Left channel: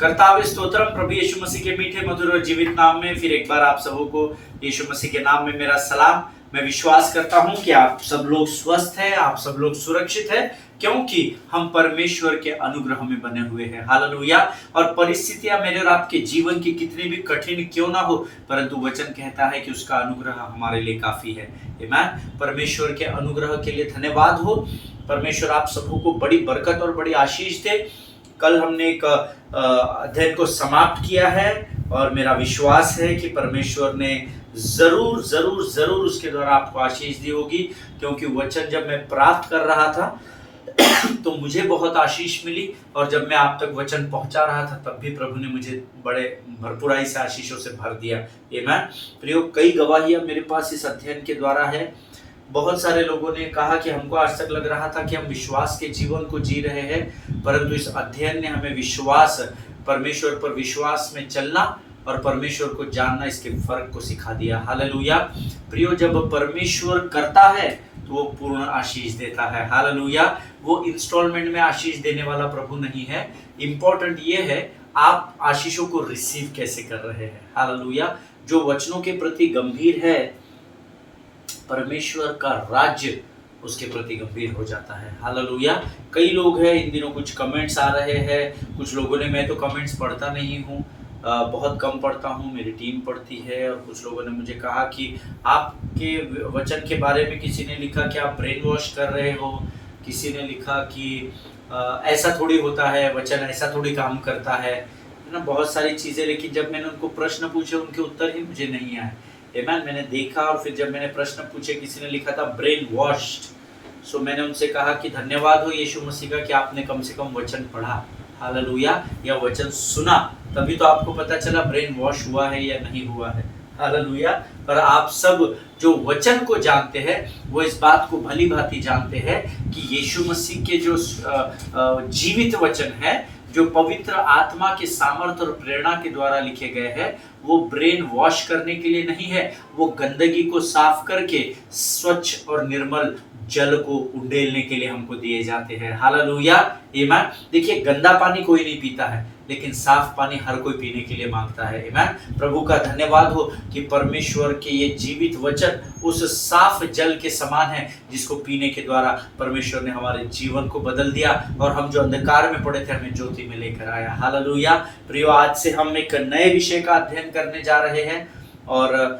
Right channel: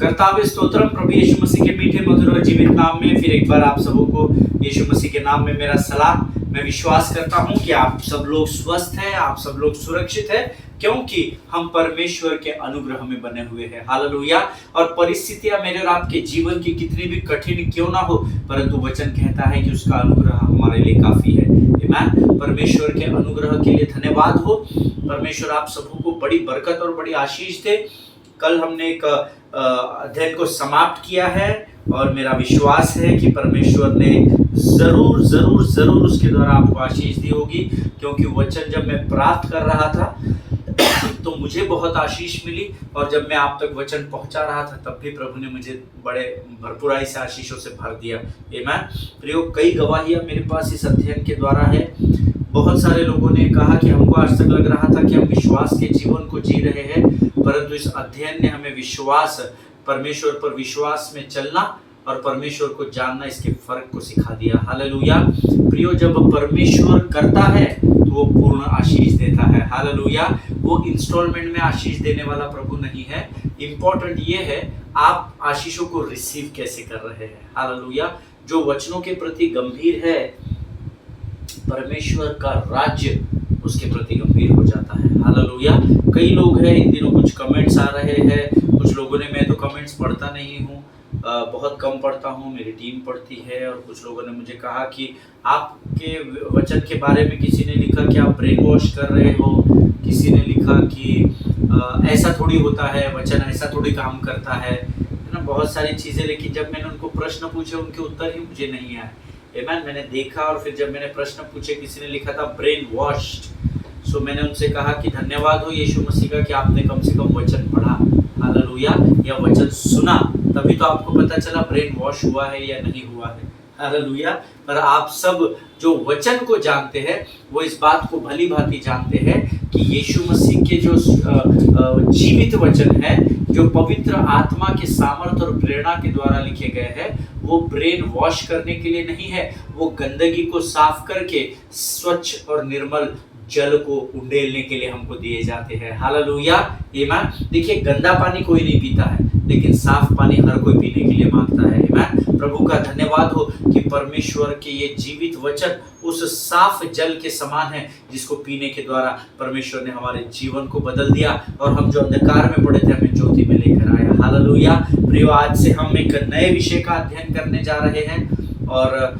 कर्तावे स्तोत्रम प्रभु यीशु मसीह के मीठे मधुर और जीवित नाम में फिर एक बार आप सबों को यीशु मसीह के नाम में मेरा सलाम। मैं विश्वास करता हूं कि आप सब लोग स्वस्थ हैं, आप सब लोग सुरक्षित हैं, क्योंकि हम परमेश्वर के अनुग्रह में बने हुए हैं। हालेलुया। और परिस्थितियां मेरे और आपके जीवन की कितनी भी कठिन क्यों ना हो, परंतु वचन कहता है कि उसका अनुग्रह हमारे लिए काफी है। आमीन। परमेश्वर के अनुग्रह के लिए धन्यवाद हो। परमेश्वर आप सबों को बड़ी बरकत और बड़ी आशीष दे। कल हमने एक अध्ययन को समाप्त किया है और मेरा विश्वास है कि परमेश्वर ने जरूर जरूर जरूर उसके द्वारा आपको आशीष दी होगी, क्योंकि वचन जब मैं प्राप्त कर रहा था तो मुझे बहुत आशीष मिली, और जब मैं आप तक वचन पहुंचा रहा था तब भी प्रभु ने मुझे बड़े भरपूराई से आशीषों से भर दिया। आमीन। प्रियो, कई गवाहियां मेरे पास इस अध्ययन के द्वारा है। बहुत सारे लोगों ने कहा कि हमको आज तक लग रहा था कि हम विश्वास के जीवन को जी रहे हैं, परंतु इस अध्ययन ने हमें विश्वास, परमेश्वर पर विश्वास में चलना और परमेश्वर को जानना, इसके फर्क को सिखा दिया। हालेलुया। प्रियो, जब परमेश्वर करता है तो वो पूर्ण आशीष देता है। हालेलुया। वो इंस्टॉलमेंट में आशीष देने वाला प्रभु नहीं है। इंपॉर्टेंट ये है आप आशीषों को रिसीव कैसे कर रहे हैं। हालेलुया। जो वचनों के प्रति गंभीर है, परमेश्वर का राज्य उसके प्रति गंभीर हो जाता है। हालेलुया। कई लोग हैं, इन दिनों कुछ कमेंट्स आ रहे हैं, कुछ लोगों ने, मैं तो कमेंट्स पढ़ता नहीं हूँ, बहुत कम पढ़ता हूँ, मेरी टीम पढ़ती है, और कुछ लोगों ने मुझे कहा कि आपके वचन के बारे में किसी ने लिखा कि आप ब्रेन वॉश कर रहे हो, किसी ने लिखा कि ऐसा थोड़ी होता है, वचन ऐसा थोड़ी काम करता है ना, बहुत सारी चीज़ें। लेकिन जब मैंने उनको प्रश्न पूछे, उनके उत्तर ही मुझे नहीं आए। आमीन। मैंने देखा और फिर जब मैंने प्रश्न पूछे, किसी ने लिखा था ब्रेन वॉश्ड, सो मैंने उनसे कहा कि धन्यवाद हो यीशु मसीह का कि आपने कम से कम वचन पढ़ा। हालेलुया। या वचन सुना, तभी तो आपको पता चला ब्रेन वॉश हुआ है या नहीं हुआ है। हालेलुया। पर आप सब जो वचन को जानते हैं वो इस बात को भली भांति जानते हैं कि यीशु मसीह के जो जीवित वचन है, जो पवित्र आत्मा के सामर्थ्य और प्रेरणा के द्वारा लिखे गए हैं, वो ब्रेन वॉश करने के लिए नहीं है, वो गंदगी को साफ करके स्वच्छ और निर्मल जल को उंडेलने के लिए हमको दिए जाते हैं। हालेलुया। आमीन। देखिए, गंदा पानी कोई नहीं पीता है, लेकिन साफ पानी हर कोई पीने के लिए मांगता है। आमीन। प्रभु का धन्यवाद हो कि परमेश्वर के ये जीवित वचन उस साफ जल के समान है, जिसको पीने के द्वारा परमेश्वर ने हमारे जीवन को बदल दिया, और हम जो अंधकार में पड़े थे हमें ज्योति में लेकर आया। हालेलुया। प्रियो, आज से हम एक नए विषय का अध्ययन करने जा रहे हैं, और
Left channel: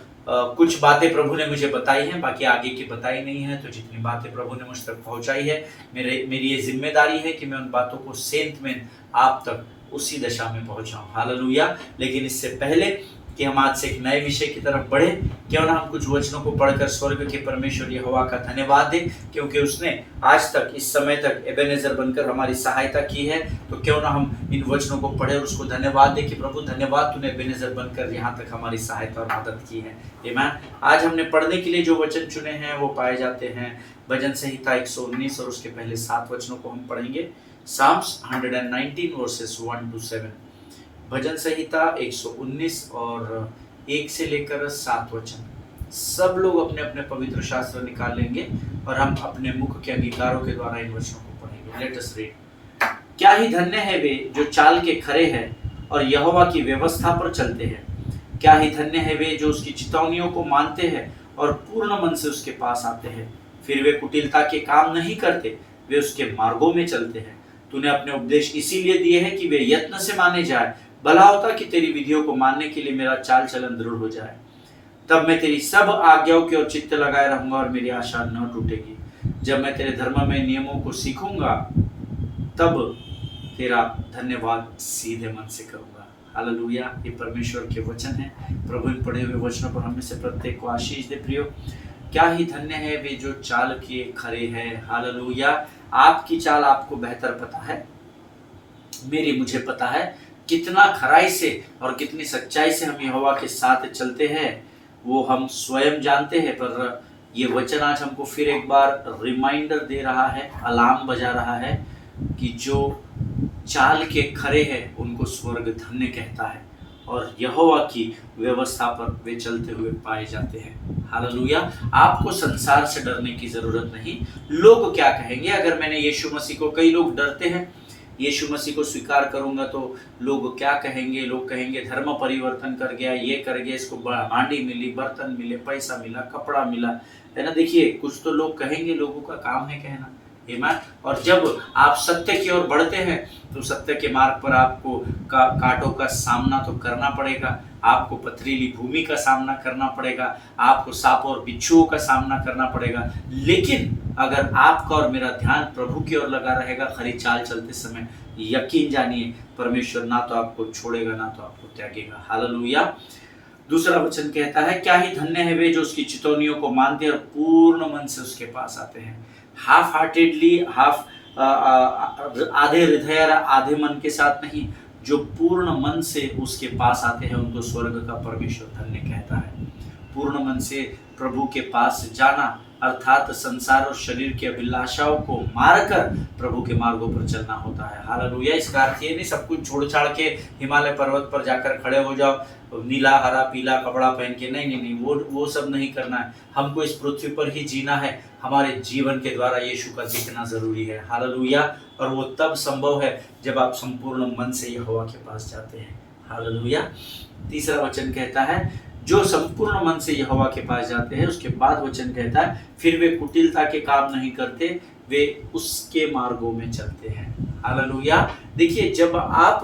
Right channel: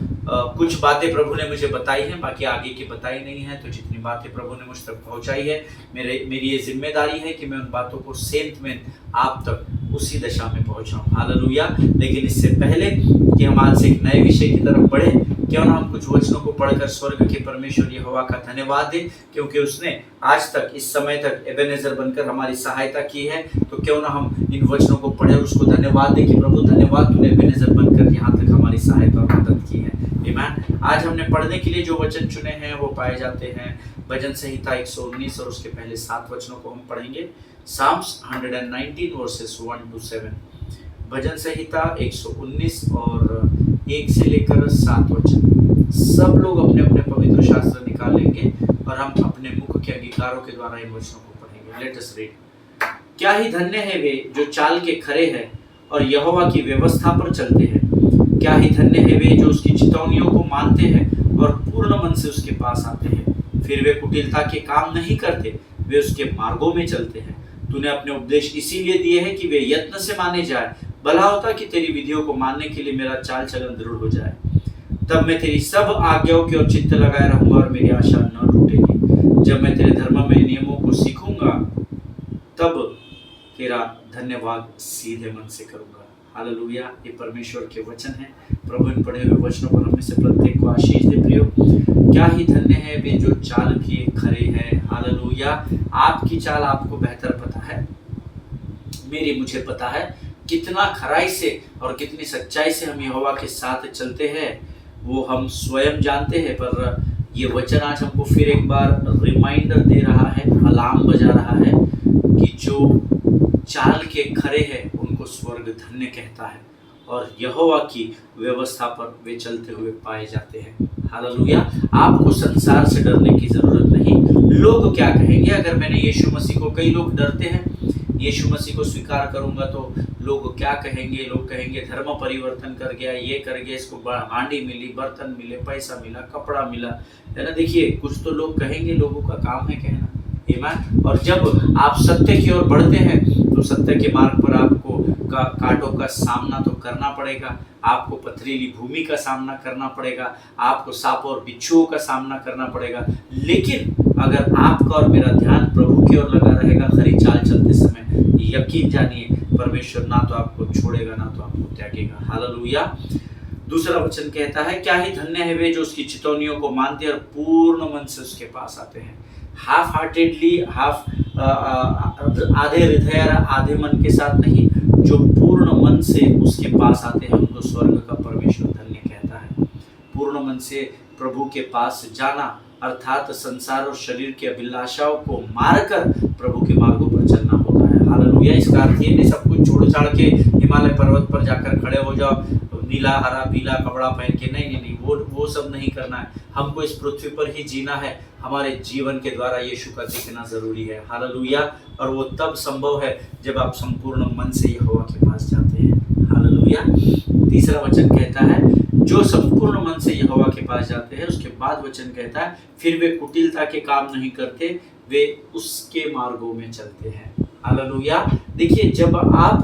कुछ बातें प्रभु ने मुझे बताई हैं, बाकी आगे की बताई नहीं है। तो जितनी बातें प्रभु ने मुझ तक पहुंचाई है, मेरी ये जिम्मेदारी है कि मैं उन बातों को सेंत में आप तक उसी दशा में पहुंचाऊं। हालेलुया। लेकिन इससे पहले कि हम आज से एक नए विषय की तरफ बढ़े, क्यों ना हम कुछ वचनों को पढ़कर स्वर्ग के परमेश्वर यहोवा का धन्यवाद दें, क्योंकि उसने आज तक, इस समय तक एबेनेजर बनकर हमारी सहायता की है। तो क्यों ना हम इन वचनों को पढ़े और उसको धन्यवाद दें कि प्रभु धन्यवाद, तूने एबेनेजर बनकर यहाँ तक हमारी सहायता और मदद की है। आमीन। आज हमने पढ़ने के लिए जो वचन चुने हैं वो पाए जाते हैं भजन संहिता 119, और उसके पहले 7 वचनों को हम पढ़ेंगे। Psalms 119 verses 1 to 7। भजन संहिता 119 और 1 से लेकर 7 वचन। सब लोग अपने अपने पवित्र शास्त्र निकाल लेंगे और हम अपने मुख के अंगीकारों के द्वारा इन वचनों को पढ़ेंगे। Let us read. क्या ही धन्य है वे जो चाल के खरे हैं और यहोवा की व्यवस्था पर चलते हैं। क्या ही धन्य है वे जो उसकी चितौनियों को मानते हैं और पूर्ण मन से उसके पास आते हैं। फिर वे कुटिलता के काम नहीं करते, वे उसके मार्गों में चलते हैं। तूने अपने उपदेश इसीलिए दिए हैं कि वे यत्न से माने जाए। भला होता कि तेरी विधियों को मानने के लिए मेरा चाल चलन दृढ़ हो जाए। तब मैं तेरी सब आज्ञाओं की ओर चित्त लगाए रहूंगा और मेरी आशा न टूटेगी। जब मैं तेरे धर्म में नियमों को सीखूंगा, तब तेरा धन्यवाद सीधे मन से करूंगा। हालेलुया। ये परमेश्वर के वचन है। प्रभु इन पढ़े हुए वचनों पर हमें से प्रत्येक को आशीष दे। प्रियो, क्या ही धन्य है वे जो चाल किए खरे हैं। हालेलुया। आपकी चाल आपको बेहतर पता है, मुझे पता है कितना खराई से और कितनी सच्चाई से हम यहोवा के साथ चलते हैं, वो हम स्वयं जानते हैं। पर ये वचन आज हमको फिर एक बार रिमाइंडर दे रहा है, अलार्म बजा रहा है कि जो चाल के खरे हैं उनको स्वर्ग धन्य कहता है, और यहोवा की व्यवस्था पर वे चलते हुए पाए जाते हैं। हालेलुया। आपको संसार से डरने की जरूरत नहीं। लोग क्या कहेंगे? अगर मैंने यीशु मसीह को, कई लोग डरते हैं यीशु मसीह को स्वीकार करूंगा तो लोग क्या कहेंगे, लोग कहेंगे धर्म परिवर्तन कर गया, ये कर गया, इसको हांडी मिली, बर्तन मिले, पैसा मिला, कपड़ा मिला, है ना। देखिए कुछ तो लोग कहेंगे, लोगों का काम है कहना, ईमान। और जब आप सत्य की ओर बढ़ते हैं तो सत्य के मार्ग पर आपको कांटों का सामना तो करना पड़ेगा, आपको पथरीली भूमि का सामना करना पड़ेगा, आपको सांप और बिच्छुओं का सामना करना पड़ेगा। लेकिन अगर आपका और मेरा ध्यान प्रभु की ओर लगा रहेगा खरी चाल चलते समय, यकीन जानिए परमेश्वर ना तो आपको छोड़ेगा ना तो आपको त्यागेगा। हालेलुया। दूसरा वचन कहता है, क्या ही धन्य है वे जो उसकी चितौनियों को मानते हैं और पूर्ण मन से उसके पास आते हैं। हाफ हार्टेडली, आधे हृदय आधे मन के साथ नहीं, जो पूर्ण मन से उसके पास आते हैं उनको स्वर्ग का परमेश्वर धन्य कहता है। पूर्ण मन से प्रभु के पास जाना अर्थात संसार और शरीर की अभिलाषाओं को मारकर प्रभु के मार्गों पर चलना होता है। हालेलुया। इसका अर्थ ये नहीं सब कुछ छोड़ छाड़ के हिमालय पर्वत पर जाकर खड़े हो जाओ, नीला हरा पीला कपड़ा पहन के, नहीं नहीं नहीं, वो सब नहीं करना है। हमको इस पृथ्वी पर ही जीना है, हमारे जीवन के द्वारा यीशु का दिखना जरूरी है। हालेलुया। और वो तब संभव है जब आप संपूर्ण मन से यहोवा के पास जाते हैं। हालेलुया। तीसरा वचन कहता है, जो संपूर्ण मन से यहोवा के पास जाते हैं, उसके बाद वचन कहता है, फिर वे कुटिलता के काम नहीं करते, वे उसके मार्गों में चलते हैं। हालेलुया। देखिए जब आप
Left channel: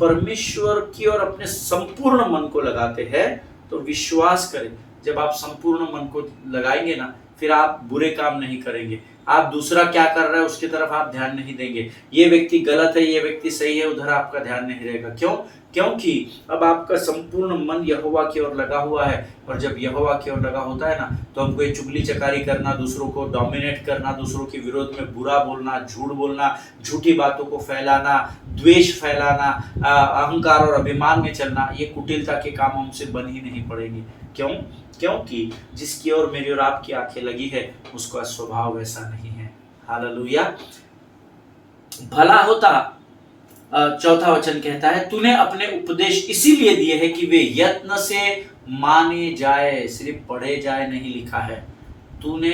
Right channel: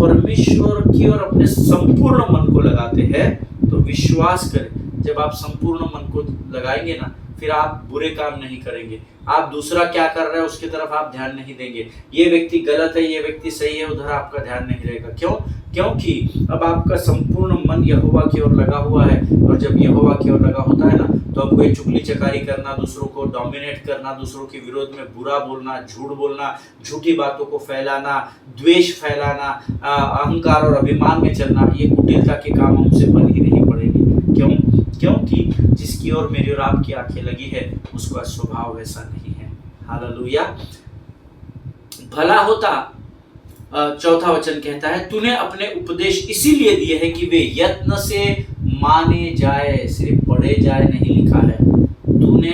परमेश्वर की ओर अपने संपूर्ण मन को लगाते हैं तो विश्वास करें, जब आप संपूर्ण मन को लगाएंगे ना, फिर आप बुरे काम नहीं करेंगे। आप दूसरा क्या कर रहा है उसकी तरफ आप ध्यान नहीं देंगे, ये व्यक्ति गलत है, ये व्यक्ति सही है, उधर आपका ध्यान नहीं रहेगा। क्यों? क्योंकि अब आपका संपूर्ण मन यहोवा की ओर लगा हुआ है। और जब यहोवा की ओर लगा होता है ना, तो हमको ये चुगली चकारी करना, दूसरों को डोमिनेट करना, दूसरों के विरोध में बुरा बोलना, झूठ बोलना, झूठी बातों को फैलाना, द्वेष फैलाना, अहंकार और अभिमान में चलना, ये कुटिलता के काम हमसे बन ही नहीं पड़ेंगे। क्यों? क्योंकि जिसकी ओर मेरी और आपकी आंखें लगी है उसका स्वभाव वैसा नहीं है। हालेलुया। भला होता, चौथा वचन कहता है, तूने अपने उपदेश इसीलिए दिए हैं कि वे यत्न से माने जाए, सिर्फ पढ़े जाए नहीं लिखा है। तूने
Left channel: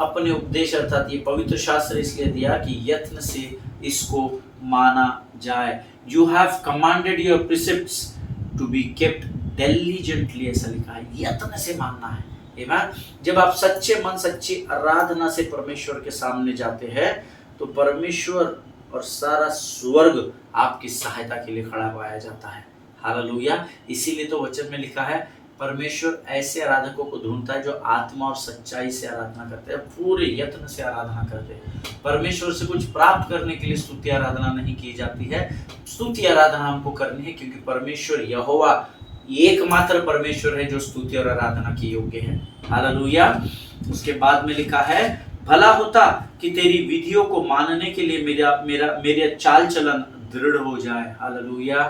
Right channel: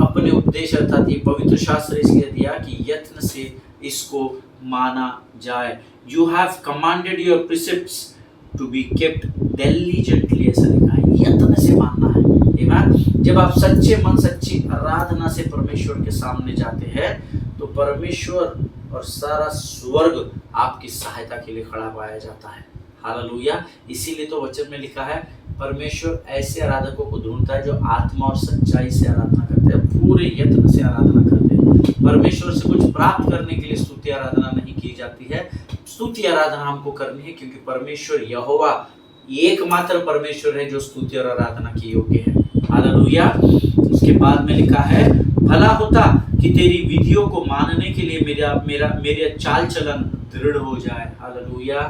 अपने उपदेश अर्थात ये पवित्र शास्त्र इसलिए दिया कि यत्न से इसको माना जाए। You have commanded your प्रिसेप्ट्स to be kept diligently, ऐसा लिखा है, यत्न से मानना है। आमीन। जब आप सच्चे मन सच्ची आराधना से परमेश्वर के सामने जाते हैं तो परमेश्वर और सारा स्वर्ग आपकी सहायता के लिए खड़ा पाया जाता है। हालेलुया। इसीलिए तो वचन में लिखा है, परमेश्वर ऐसे आराधकों को ढूंढता है जो आत्मा और सच्चाई से आराधना करते हैं, पूरे यत्न से आराधना करते हैं। परमेश्वर से कुछ प्राप्त करने के लिए स्तुति आराधना नहीं की जाती है, स्तुति आराधना हमको करनी है क्योंकि परमेश्वर यहोवा एकमात्र परमेश्वर है जो स्तुति और आराधना की योग्य है। हालेलुया। उसके बाद में लिखा है, भला होता कि तेरी विधियों को मानने के लिए मेरा चाल चलन दृढ़ हो जाए। हालेलुया।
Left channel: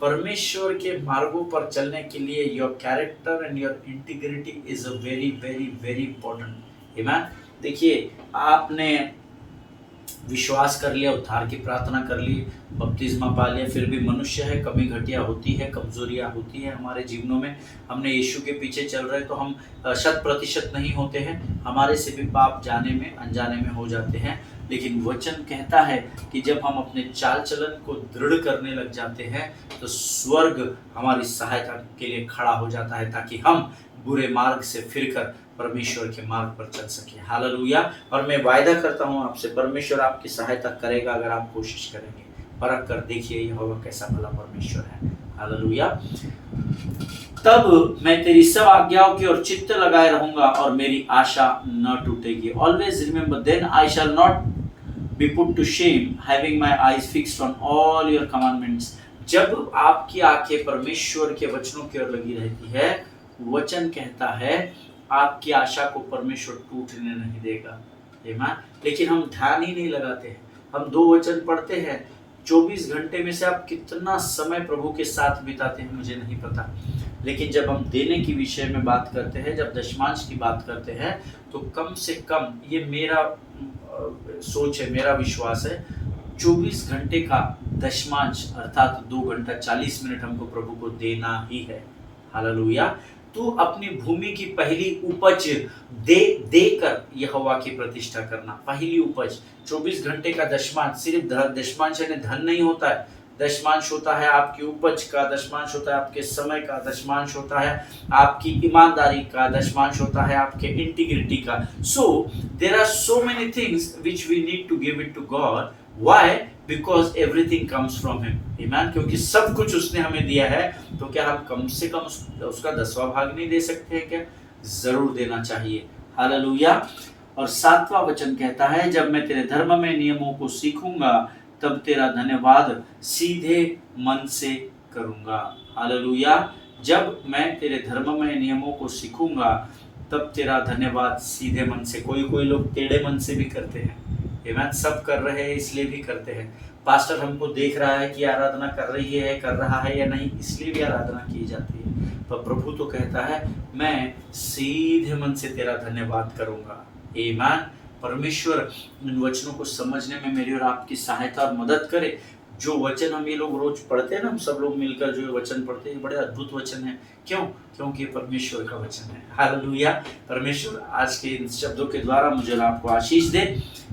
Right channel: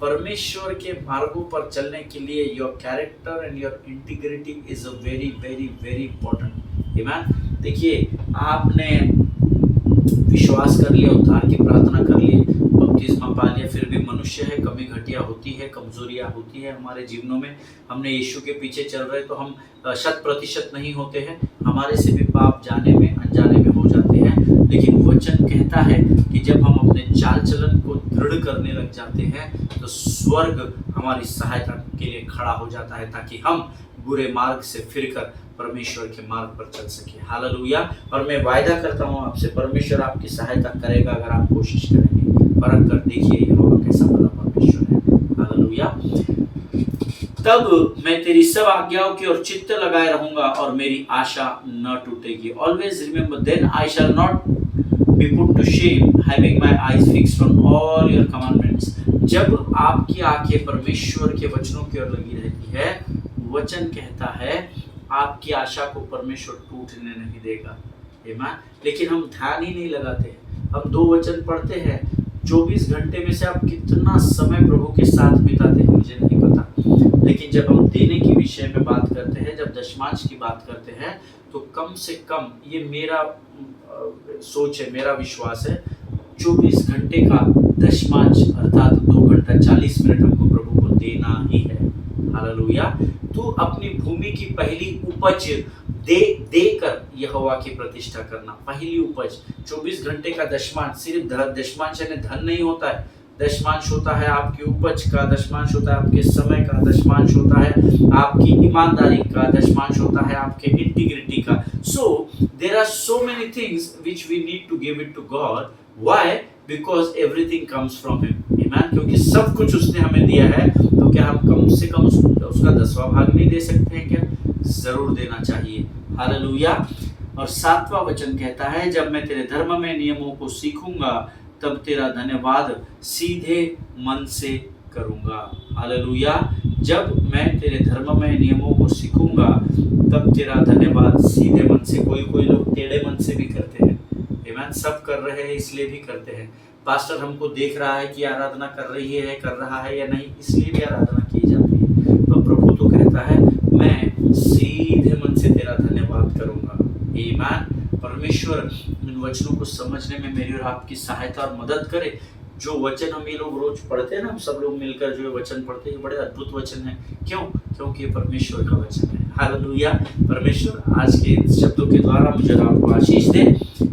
परमेश्वर के मार्गों पर चलने के लिए your character and your integrity is a very very very important. आमीन। देखिए आपने विश्वास कर लिया, उद्धार की प्रार्थना कर ली, बपतिस्मा पा लिया, फिर भी मनुष्य है, कमी घटिया होती है, कमजोरियां होती है हमारे जीवनों में। हमने यीशु के पीछे चल रहे तो हम 100% नहीं होते हैं, हमारे से भी पाप जाने में अनजाने में हो जाते हैं। लेकिन वचन कहता है कि जब हम अपने चाल चलन को दृढ़ करने लग जाते हैं तो स्वर्ग हमारी सहायता के लिए खड़ा हो जाता है ताकि हम बुरे मार्ग से फिरकर परमेश्वर के मार्ग पर चल सके। हालेलुया। और मैं वायदा करता हूँ आपसे, परमेश्वर आपकी सहायता करेगा अगर आप कोशिश करेंगे। परख कर देखिए यहोवा कैसा भला परमेश्वर है। हालेलुया। तब मैं तेरी सब आज्ञाओं की ओर चित्त लगाए रहूंगा और मेरी आशा न टूटेगी। Always remember, then I shall not be put to Shem, having my eyes fixed on all your commandments. जब आपकी आंखें परमेश्वर के वचनों की ओर लगी रहती है, वचन कहता है आपकी आशा को परमेश्वर टूटने नहीं देगा। आमीन। लेकिन हम ध्यान ही नहीं लगाते। हम 2 वचन पढ़ते हैं, 24 घंटे में से आप कितना समय प्रभु के साथ बिताते हैं मुझे नहीं पता। लेकिन जब हम देने की विषय में बात करते हैं, जब दशमांश की बात करते हैं, तो कम से कम, ये मेरा सोच है, मेरा विश्वास है, 24 घंटे का दशमांश अर्थात 2 घंटा 40 मिनट हमको प्रभु को देना ही है। हालेलुया। तू अपनी भूमि की पहली उपज देकर यहोवा की प्रतिष्ठा करना। पहली उपज 24 घंटे का दशमांश, सिर्फ दशमांश यानी धन नहीं होता है, दशमांश होता है आपकी उपज का, दशमांश होता है आपके समय का, दशमांश होता है आपकी ईमानदारी का, दशमांश होता है आपके इंटीग्रिटी का। So there are so many things which we need to give it to God. Why? Because everything comes from him. आमीन। क्योंकि सब कुछ उसने हमें दिया है, तो क्या हम कम से कम उसका 10वां भाग नहीं दे सकते हैं क्या? जरूर देना चाहिए। हालेलुया। और 7वां वचन कहता है, जब मैं तेरे धर्म में नियमों को सीखूंगा तब तेरा धन्यवाद सीधे मन से करूंगा। हालेलुया। जब मैं तेरे धर्म में नियमों को सीखूंगा तब तेरा धन्यवाद सीधे मन से। कोई लोग टेढ़े मन से भी करते हैं। आमीन। सब कर रहे हैं इसलिए भी करते हैं। पास्टर हमको देख रहा है कि आराधना कर रहा है या नहीं, इसलिए भी आराधना की जाती है। तो प्रभु तो कहता है, मैं सीधे मन से तेरा धन्यवाद करूंगा। आमीन। परमेश्वर इन वचनों को समझने में मेरी और आपकी सहायता और मदद करे। जो वचन हम ये लोग रोज पढ़ते हैं ना, हम सब लोग मिलकर जो वचन पढ़ते हैं, बड़े अद्भुत वचन है। क्यों? क्योंकि परमेश्वर का वचन है। हालेलुया। परमेश्वर आज के इन शब्दों के द्वारा मुझे आपको आशीष दे।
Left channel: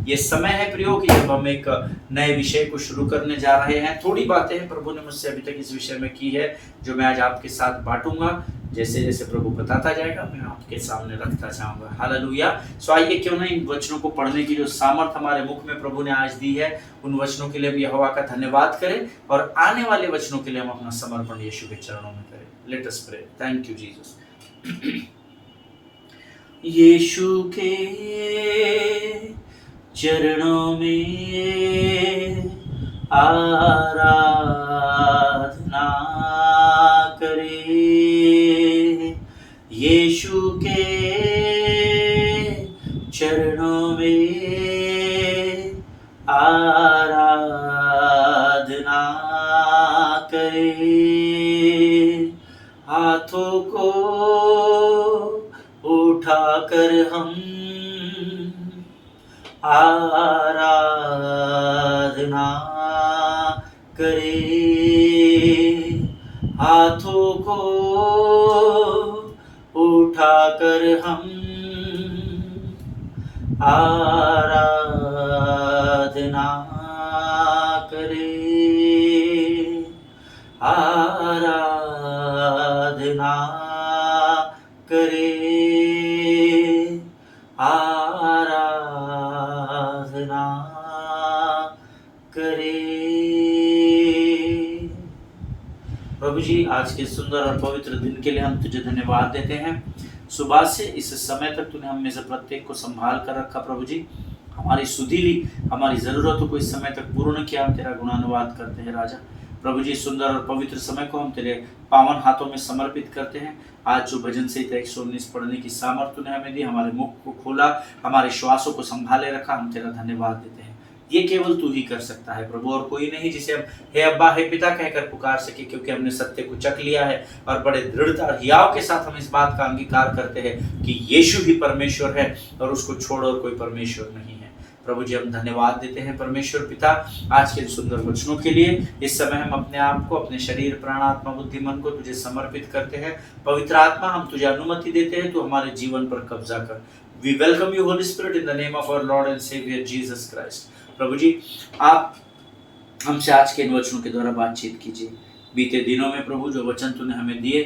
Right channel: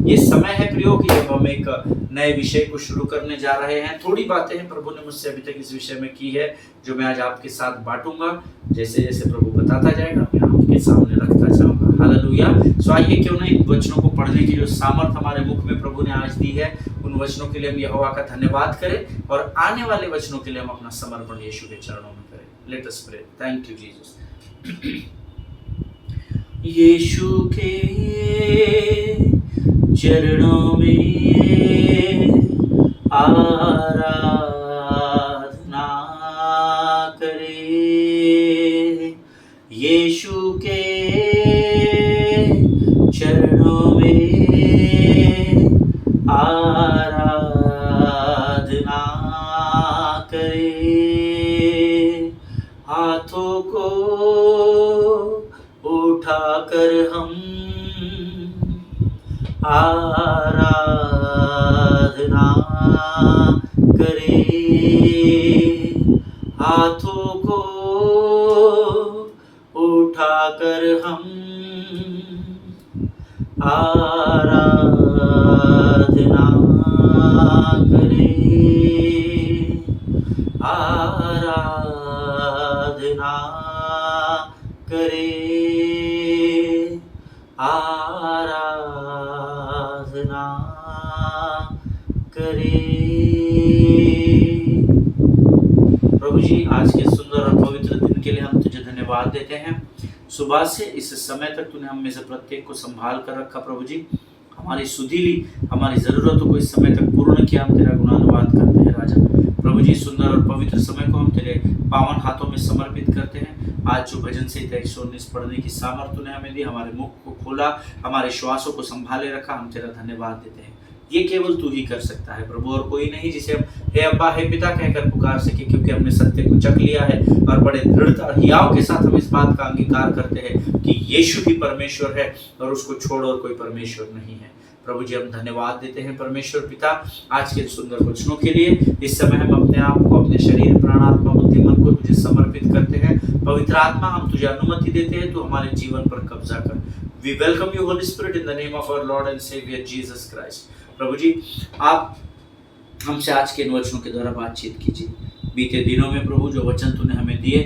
ये समय है प्रियो कि जब हम एक नए विषय को शुरू करने जा रहे हैं। थोड़ी बातें हैं प्रभु ने मुझसे अभी तक इस विषय में की है, जो मैं आज आपके साथ बांटूंगा। जैसे जैसे प्रभु बताता जाएगा मैं आपके सामने रखता जाऊंगा। हालेलुया। सो आइए क्यों ना इन वचनों को पढ़ने की जो सामर्थ हमारे मुख में प्रभु ने आज दी है, उन वचनों के लिए हम यहोवा का धन्यवाद करें और आने वाले वचनों के लिए हम अपना समर्पण यीशु के चरणों में करें। Let us pray. Thank you Jesus. यीशु के चरणों में आराधना करे, यीशु के चरणों में आराधना करे। हाथों को उठाकर हम आराधना करें, हाथों को उठाकर हम आराधना करें, आराधना करें, आराधना करें। प्रभु जी, आज के सुंदर और पवित्र दिन के लिए हम तुझे धन्यवाद देते हैं। सुबह से इस समय तक तूने हम में से प्रत्येक को संभाल कर रखा। प्रभु जी, हमारी सुधीली हमारी ज़रूरतों को इस समय तक पूर्ण किया। हम तेरा गुणानुवाद करते हैं राजा। प्रभु जी, सुंदर और पवित्र समय को हम तेरे पावन हाथों में समर्पित करते हैं। आज जो भजन संहिता 119 पढ़ने की सामर्थ्य तूने हमें दी, हमारे मुख को खोला, हमारे श्वासों को संभाले रखा, हम तेरा धन्यवाद देते हैं। ये केवल तू ही कर सकता है प्रभु, और कोई नहीं जिसे हम हे अब्बा हे पिता कहकर पुकार सके, क्योंकि हमने सत्य को चख लिया है और बड़े दृढ़ता हियाव के साथ हम इस बात का अंगीकार करते हैं कि यीशु ही परमेश्वर है और उसको छोड़ और कोई परमेश्वर नहीं है। प्रभु जी, हम धन्यवाद देते हैं परमेश्वर पिता आज के सुंदर वचनों के लिए। इस समय हम अपने आप को, अपने शरीर, प्राण, आत्मा, बुद्धि, मन को तुझे समर्पित करते हैं। पवित्र आत्मा, हम तुझे अनुमति देते हैं, तू हमारे जीवन पर कब्जा कर। We welcome you Holi spirit in the name of our Lord and saviour Jesus Christ. प्रभु जी, आप हमसे आज के इन वचनों के द्वारा बातचीत कीजिए। बीते दिनों में प्रभु जो वचन तूने हमें दिए,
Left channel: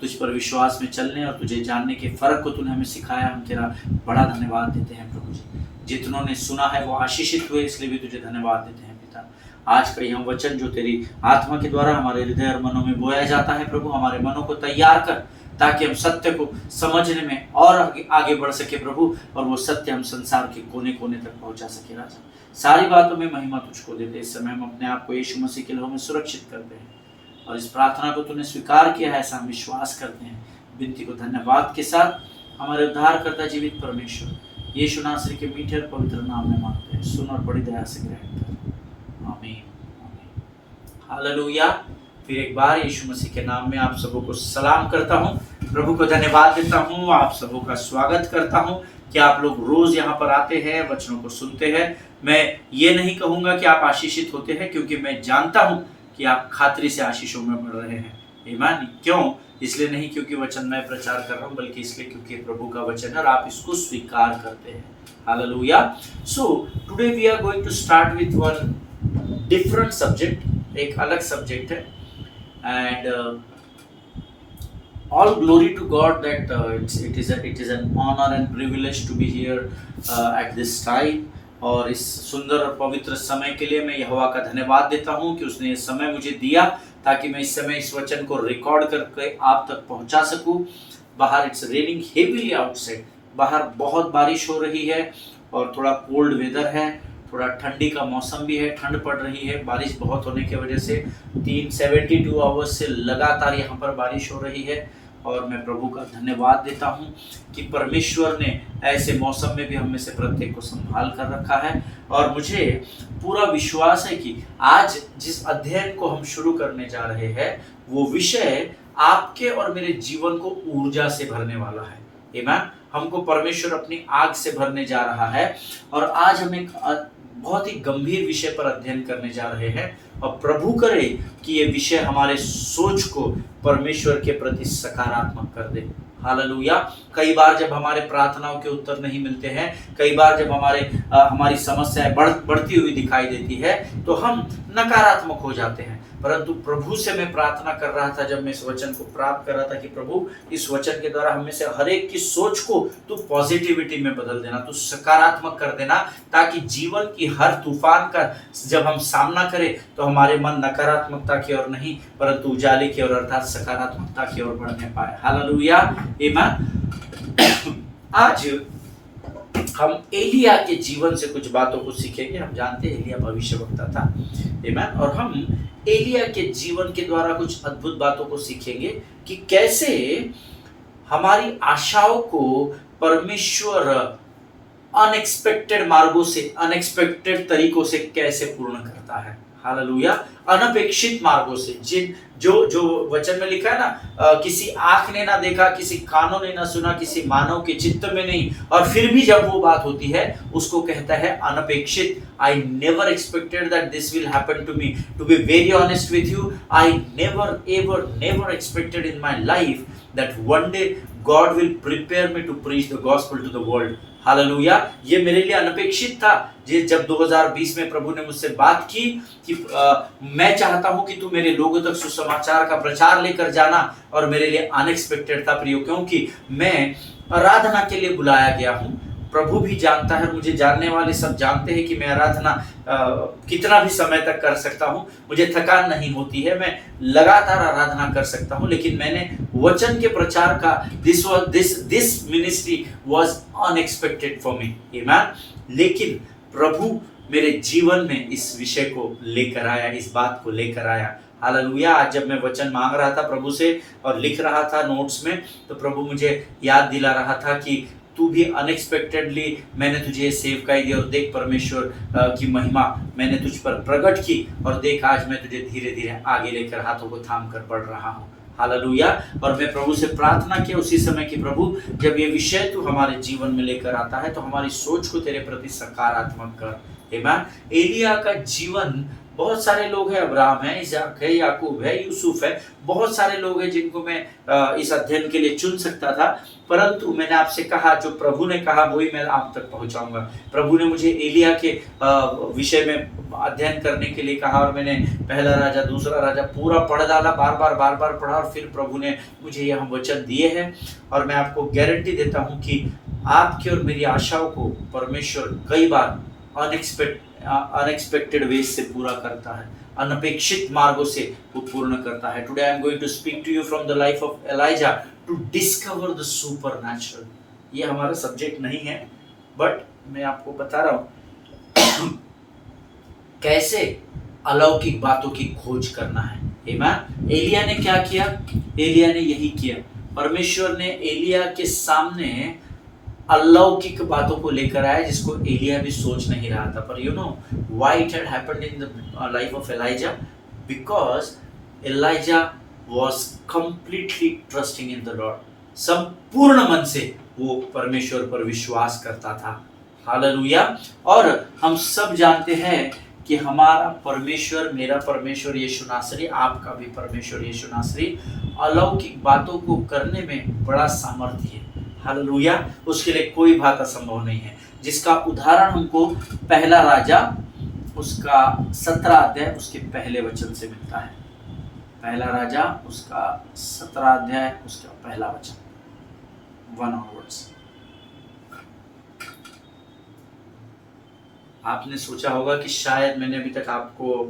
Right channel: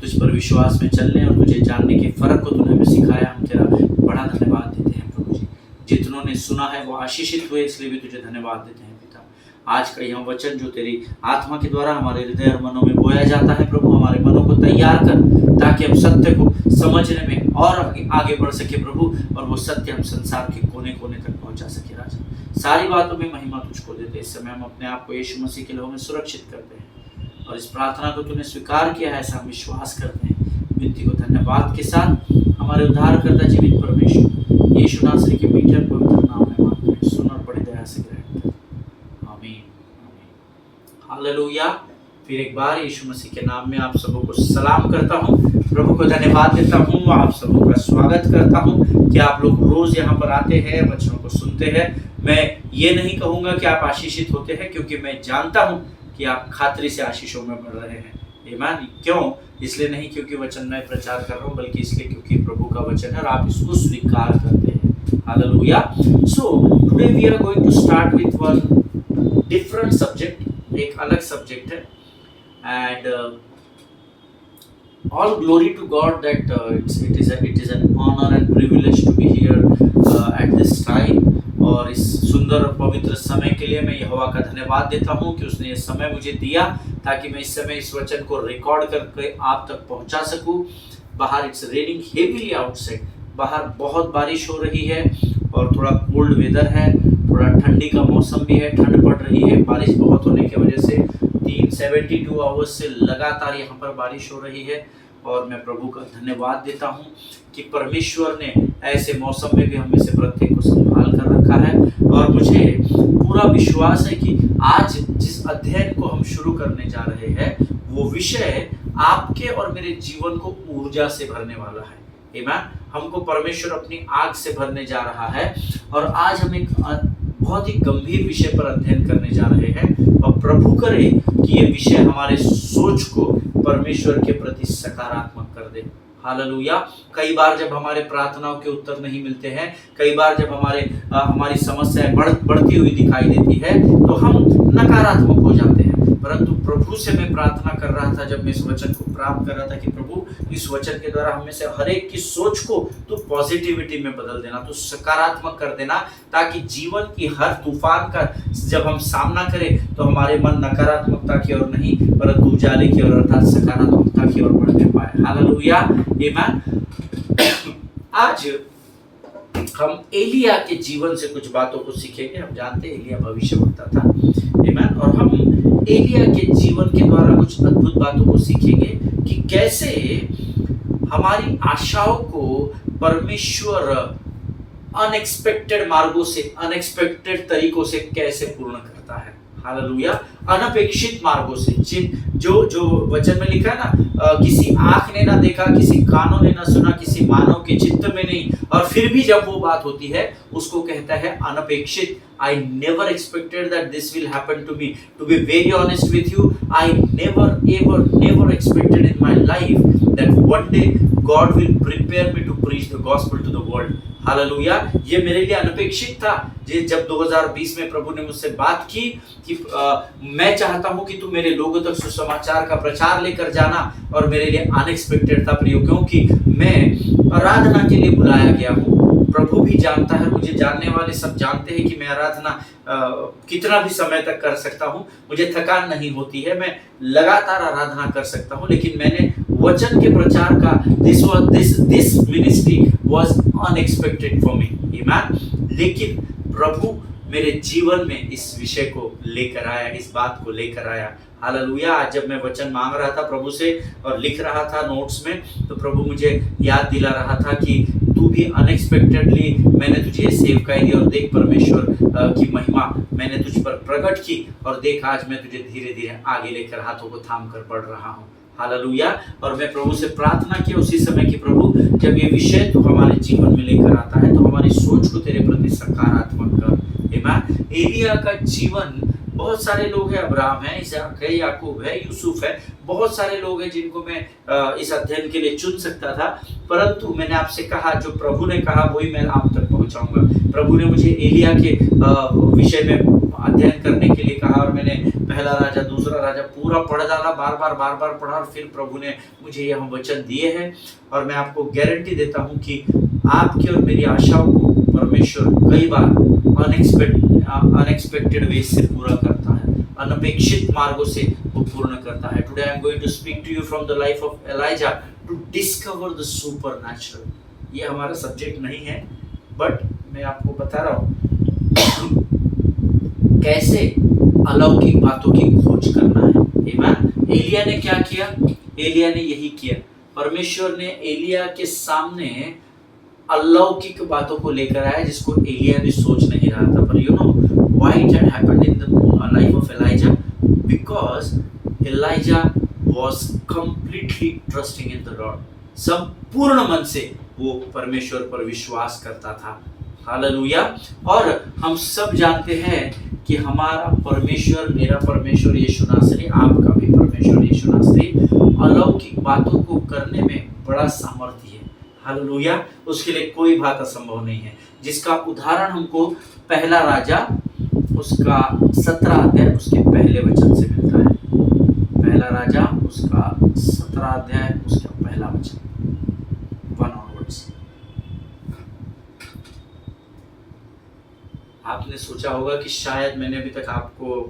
तुझ पर विश्वास में चलने और तुझे जानने के फर्क को तूने हमें सिखाया, हम तेरा बड़ा धन्यवाद देते हैं प्रभु जी। जितनों ने सुना है वो आशीषित हुए, इसलिए भी तुझे धन्यवाद देते हैं पिता। आज का यह वचन जो तेरी आत्मा के द्वारा हमारे हृदय और मनों में बोया जाता है प्रभु, हमारे मनों को तैयार कर ताकि हम सत्य को समझने में और आगे बढ़ सके प्रभु, और वो सत्य हम संसार के कोने कोने तक पहुंचा सके राजा। सारी बातों में महिमा तुझको देते। इस समय हम अपने आप को यीशु मसीह के लहू में सुरक्षित करते हैं और इस प्रार्थना को तूने स्वीकार किया है, ऐसा हम विश्वास करते हैं। विनती को धन्यवाद के साथ हमारे उद्धारकर्ता जीवित परमेश्वर यीशु नासरी के मीठे और पवित्र नाम में मांगते हैं, सुन और बड़ी दया से ग्रहण कर। आमीन, आमीन, हालेलुया। फिर एक बार यीशु मसीह के नाम में आप सबों को सलाम करता हूँ, प्रभु को धन्यवाद देता हूँ, आप सबों का स्वागत करता हूँ कि आप लोग रोज यहाँ पर आते हैं, वचनों को सुनते हैं। मैं ये नहीं कहूँगा कि आप आशीषित होते हैं, क्योंकि मैं जानता हूँ कि आप खातरी से आशीषों में बढ़ रहे हैं। ईमान क्यों? इसलिए नहीं क्योंकि वचन मैं प्रचार कर रहा हूँ, बल्कि इसलिए क्योंकि प्रभु का वचन है और आप इसको स्वीकार करते हैं। हालेलुया। So today we are going to start with one different subject, एक अलग सब्जेक्ट है। And all glory to God that it is an honor and privilege to be here at this time। और इस सुंदर और पवित्र समय के लिए मैं यहोवा का धन्यवाद देता हूँ कि उसने ये समय मुझे दिया ताकि मैं इस समय इस वचन को रिकॉर्ड करके आप तक पहुँचा सकूँ। बाहर इट्स रेनिंग हेवीली आउटसाइड, बाहर बहुत बारिश हो रही है और थोड़ा कोल्ड वेदर है, थोड़ा ठंडी का मौसम भी है, ठंड पड़ रही है। बारिश बहुत होने की वजह से 72 आवर्स से लगातार यहाँ पर बारिश हो रही है और मैं प्रभु का धन्यवाद देता हूँ कि परमेश्वर ने ऐसे मौसम में भी हम में से प्रत्येक को संभाल कर रखा है। और मुझे पूरा विश्वास है कि आज जिस अध्ययन को हम शुरू करने जा रहे हैं वो विषय आपके और मेरे जीवन को ऊर्जा से भरने वाला है। आमीन। हमको परमेश्वर अपनी आग से भरने जा रहा है और आज हम एक बहुत ही गंभीर विषय पर अध्ययन करने जा रहे हैं और प्रभु करे कि ये विषय हमारे सोच को परमेश्वर के प्रति सकारात्मक कर दे। हालेलुया। कई बार जब हमारे प्रार्थनाओं के उत्तर नहीं मिलते हैं, कई बार जब हमारी समस्याएं बढ़ती हुई दिखाई देती है तो हम नकारात्मक हो जाते हैं। परंतु प्रभु से मैं प्रार्थना कर रहा था जब मैं इस वचन को प्राप्त कर रहा था कि प्रभु इस वचन के द्वारा हम में से हर एक की सोच को तू पॉजिटिविटी में बदल देना, तू सकारात्मक कर देना, ताकि जीवन की हर तूफान का जब हम सामना करें तो हमारे मन नकारात्मकता की ओर नहीं परंतु उजाले की ओर अर्थात सकारात्मकता की ओर बढ़ने पाए। हालेलुया। आमीन। आज हम एलिया के जीवन से कुछ बातों को सीखेंगे। हम जानते हैं एलिया भविष्यवक्ता था। आमीन। और हम एलिया के जीवन के द्वारा कुछ अद्भुत बातों को सीखेंगे कि कैसे हमारी आशाओं को परमेश्वर अनएक्सपेक्टेड मार्गों से, अनएक्सपेक्टेड तरीकों से कैसे पूर्ण करता है। हालेलुया। अनपेक्षित मार्गों से, जो वचन में लिखा है ना, किसी आंख ने ना देखा, किसी कानों ने ना सुना, किसी मानव के चित्त में नहीं, और फिर भी जब वो बात होती है उसको कहता है अनपेक्षित। I never expected that this will happen to me. To be very honest with you, I never expected in my life that one day God will prepare me to preach the gospel to the world. Hallelujah. ये मेरे लिए अनपेक्षित था। जब 2020 में प्रभु ने मुझसे बात की कि मैं चाहता हूं कि तू मेरे लोगों तक सुसमाचार का प्रचार लेकर जाना, और मेरे लिए अनएक्सपेक्टेड था प्रियो, क्योंकि मैं आराधना के लिए बुलाया गया हूं। प्रभु भी जानता है, मुझे जानने वाले सब जानते हैं कि मैं आराधना कितना भी समय तक कर सकता हूं, मुझे थकान नहीं होती है, मैं लगातार आराधना कर सकता हूं। लेकिन मैंने वचन के प्रचार का this ministry was unexpected for me. आमीन। लेकिन प्रभु मेरे जीवन में इस विषय को लेकर आया, इस बात को लेकर आया। हालेलुया। आज जब मैं वचन मांग रहा था प्रभु से और लिख रहा था नोट्स में, तो प्रभु मुझे याद दिला रहा था कि तू भी अनएक्सपेक्टेडली मैंने तुझे सेवकाई दी, और देख परमेश्वर की महिमा मैंने तुझ पर प्रकट की, और देख आज मैं तुझे धीरे धीरे आगे लेकर हाथों को थाम कर बढ़ रहा हूँ। हालेलुया। और मैं प्रभु से प्रार्थना किया उसी समय कि प्रभु जब ये विषय तू हमारे जीवन में लेकर आता है तो हमारी सोच को तेरे प्रति सकारात्मक कर। आमीन। एलिया का जीवन, बहुत सारे लोग हैं, अब्राहम है, इसहाक है, याकूब है, यूसुफ है, बहुत सारे लोग हैं जिनको मैं इस अध्ययन के लिए चुन सकता था, परंतु मैंने आपसे कहा जो प्रभु ने कहा वही मैं आप तक पहुंचाऊंगा। प्रभु ने मुझे एलिया के विषय में अध्ययन करने के लिए कहा और मैंने पहला राजा, दूसरा राजा पूरा पढ़ डाला, बार बार पढ़ा, और फिर प्रभु ने मुझे यह वचन दिए हैं। और मैं आपको गारंटी देता हूं कि आपकी और मेरी आशाओं को परमेश्वर कई बार अनएक्सपेक्टेड वे से पूरा करता है, अनपेक्षित मार्गों से वो पूर्ण करता है। Today I am going to speak to you from the life of Elijah to discover the supernatural. ये हमारा सब्जेक्ट नहीं है, बट मैं आपको बता रहा हूँ कैसे अलौकिक बातों की खोज करना है। आमीन। एलिया ने क्या किया? एलिया ने यही किया। परमेश्वर ने एलिया के सामने अलौकिक बातों को लेकर आया जिसको एलिया भी सोच नहीं रहा था। पर you know why it had happened in the life of Elijah? Because Elijah was completely trusting in the Lord. संपूर्ण मन से वो परमेश्वर पर विश्वास करता था। हालेलुया। और हम सब जानते हैं कि हमारा परमेश्वर, मेरा परमेश्वर यीशु नासरी, आपका भी परमेश्वर यीशु नासरी अलौकिक बातों को करने में बड़ा सामर्थ्य है। हालेलुया। उसके लिए कोई बात असंभव नहीं है, जिसका उदाहरण हमको पहला राजा उसका 17 अध्याय उसके पहले वचन से मिलता है। पहला राजा उसका 17 अध्याय उसका पहला वचन 1 ऑनवर्ड्स। आपने सोचा होगा कि शायद मैंने अभी तक आपको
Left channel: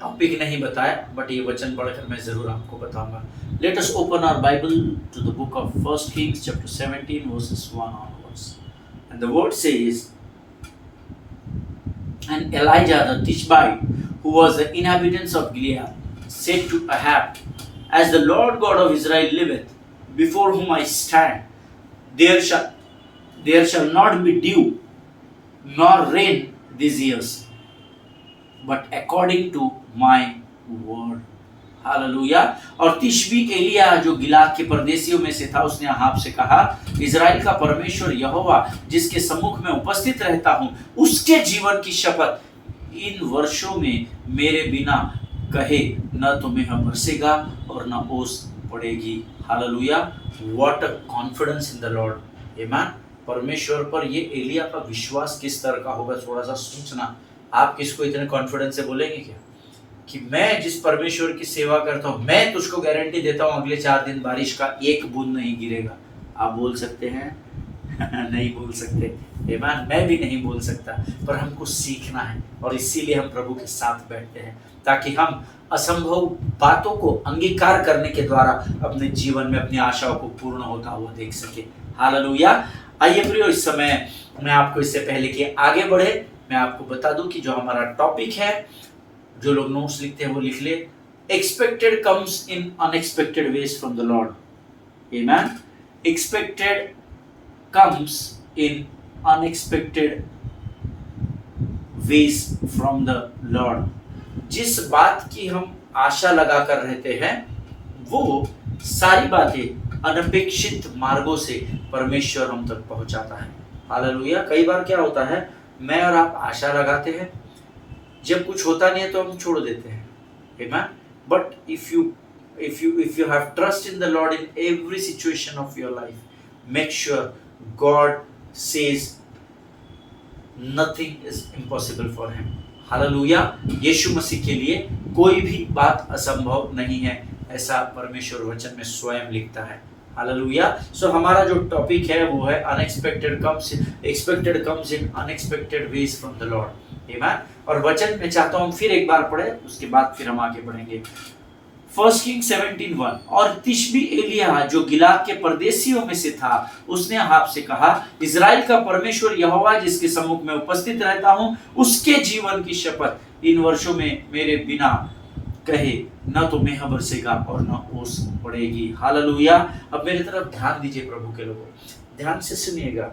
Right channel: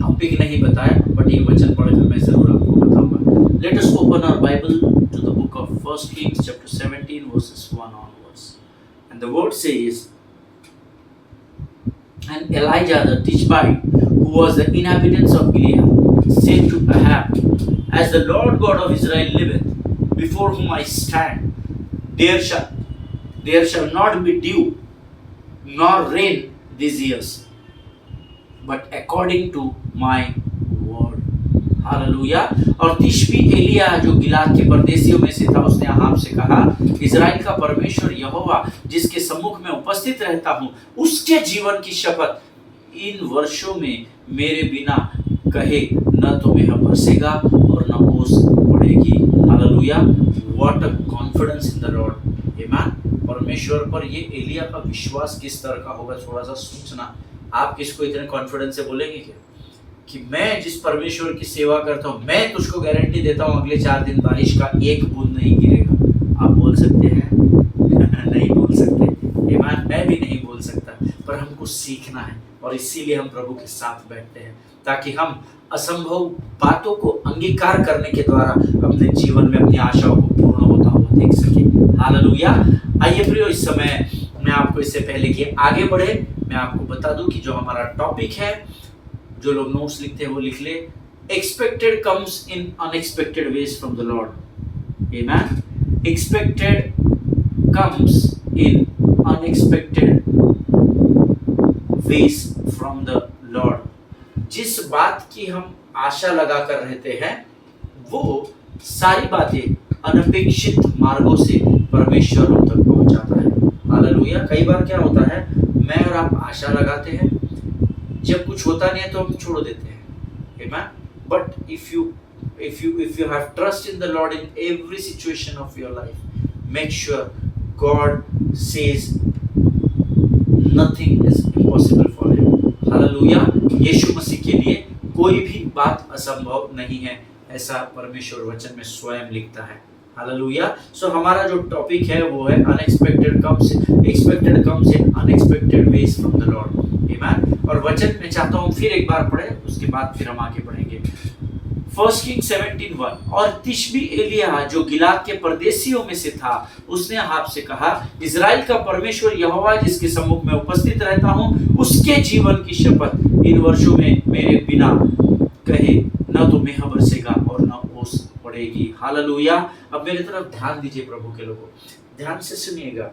टॉपिक नहीं बताया, बट ये वचन पढ़कर मैं जरूर आपको बताऊंगा। Let us open our Bible to the book of 1 Kings chapter 17 verses 1 onwards. And the word says, and Elijah the Tishbite, who was the inhabitants of Gilead, said to Ahab, as the Lord God of Israel liveth, before whom I stand, there shall not be dew nor rain these years, but according to my word. Hallelujah. और तिशबी एलिया जो गिलाद के परदेशियों में से था, उसने Ahab से कहा, Israel का परमेश्वर यहोवा जिसके सम्मुख में उपस्थित रहता हूँ, उसके जीवन की शपथ, इन वर्षों में मेरे बिना कहे न तो मेघ बरसेगा और न ओस पड़ेगी। Hallelujah. What a confidence in the Lord. आमीन। परमेश्वर पर ये एलिया का विश्वास किस तरह का होगा, थोड़ा सा सोचना। आप किसको इतने कॉन्फिडेंस से बोलेंगे क्या कि मैं जिस परमेश्वर की सेवा करता हूँ, मैं तुझको गारंटी देता हूँ अगले 4 दिन बारिश का एक बूंद नहीं गिरेगा। आप बोल सकते हैं? नहीं बोल सकते। आमीन। मैं भी नहीं बोल सकता, पर हमको सीखना है और इसीलिए हम प्रभु के साथ बैठते हैं, ताकि हम असंभव बातों को अंगीकार करने के द्वारा अपने जीवन में अपनी आशाओं को पूर्ण होता हुआ देख सके। हालेलुया। आइए प्रियो, इस समय मैं आपको इससे पहले कि आगे बढ़े, मैं आपको बता दूं कि जो हमारा टॉपिक है, जो लोग नोट्स लिखते हैं वो लिख ले, expected comes in unexpected veg from the Lord. आमीन। Expected comes in unexpected veg from the Lord. जिस बात की हम आशा लगा कर रहते हैं, वो सारी बातें अनपेक्षित मार्गों से परमेश्वर हम तक पहुंचाता है। हालेलुया। कई बार क्या होता है, मैं और आप आशा लगाते हैं, जब कुछ होता नहीं है तो हम छोड़ देते हैं। आमीन। But if you have trust in the Lord in every situation of your life, make sure God says nothing is impossible for him. Hallelujah. यीशु मसीह के लिए कोई भी बात असंभव नहीं है, ऐसा परमेश्वर वचन में स्वयं लिखता है। हालेलुया। सो हमारा जो टॉपिक है वो है expected comes in unexpected veg from the Lord. आमीन। और वचन में चाहता हूँ फिर एक बार पढ़े, उसके बाद फिर हम आगे बढ़ेंगे। 1 Kings 17:1। और तिशबी एलिया जो गिलाद के परदेशियों में से था, उसने अहाब से कहा, इजराइल का परमेश्वर यहोवा जिसके सम्मुख में उपस्थित रहता हूँ, उसके जीवन की शपथ, इन वर्षों में मेरे बिना कहे न तो मेघ बरसेगा और न ओस पड़ेगी। हालेलुया। अब मेरी तरफ ध्यान दीजिए प्रभु के लोगों, ध्यान से सुनिएगा।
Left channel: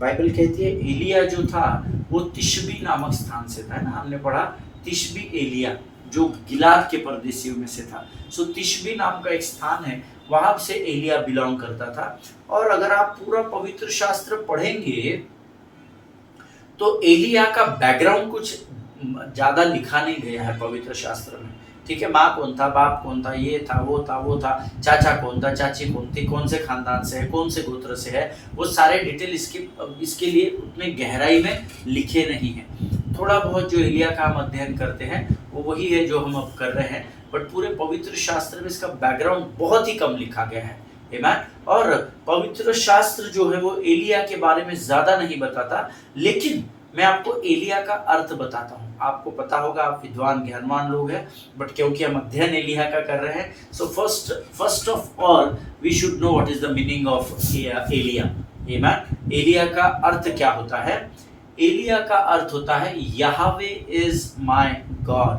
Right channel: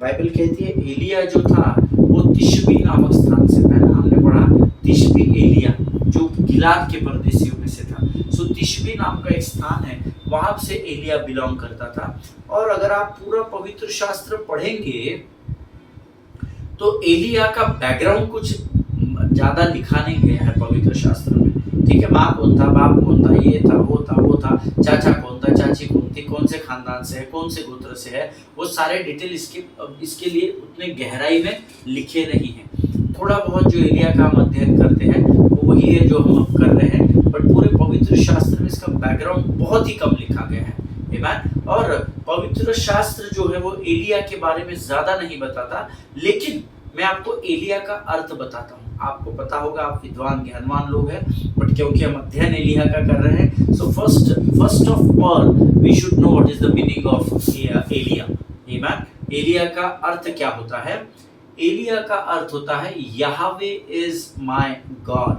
बाइबल कहती है एलिया जो था वो तिशबी नामक स्थान से था ना, हमने पढ़ा तिशबी एलिया जो गिलाद के परदेशियों में से था। सो तिशबी नाम का एक स्थान है, वहां से एलिया बिलोंग करता था। और अगर आप पूरा पवित्र शास्त्र पढ़ेंगे तो एलिया का बैकग्राउंड कुछ ज्यादा लिखा नहीं गया है पवित्र शास्त्र में। ठीक है, माँ कौन था, बाप कौन था, ये था, वो था, चाचा कौन था, चाची कौन थी, कौन से खानदान से है, कौन से गोत्र से है, वो सारे डिटेल इसके लिए उतने गहराई में लिखे नहीं हैं। थोड़ा बहुत जो एलिया का हम अध्ययन करते हैं वो वही है जो हम अब कर रहे हैं, बट पूरे पवित्र शास्त्र में इसका बैकग्राउंड बहुत ही कम लिखा गया है। आमीन। और पवित्र शास्त्र जो है वो एलिया के बारे में ज्यादा नहीं बताता, लेकिन मैं आपको एलिया का अर्थ बताता हूँ। आपको पता होगा, आप विद्वान ज्ञानवान लोग हैं, बट क्योंकि हम अध्ययन एलिया का कर रहे हैं, so first of all we should know what is the meaning of एलिया। आमीन। एलिया का अर्थ क्या होता है? एलिया का अर्थ होता है यहोवे इज माय गॉड,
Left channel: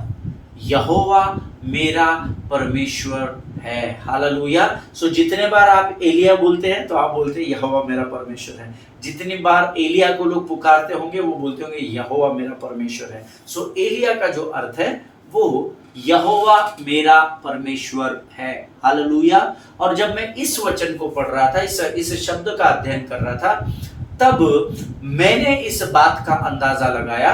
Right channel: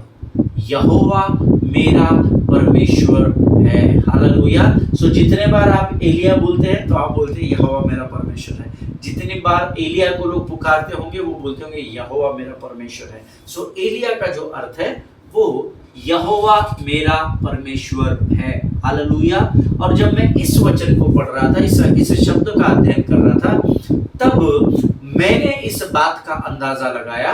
यहोवा मेरा परमेश्वर है। हालेलुया। सो जितने बार आप एलिया बोलते हैं तो आप बोलते हैं यहोवा मेरा परमेश्वर है। जितनी बार एलिया को लोग पुकारते होंगे वो बोलते होंगे यहोवा मेरा परमेश्वर है। सो एलिया का जो अर्थ है वो यहोवा मेरा परमेश्वर है। हालेलुया। और जब मैं इस वचन को पढ़ रहा था, इस शब्द का अध्ययन कर रहा था, तब मैंने इस बात का अंदाजा लगाया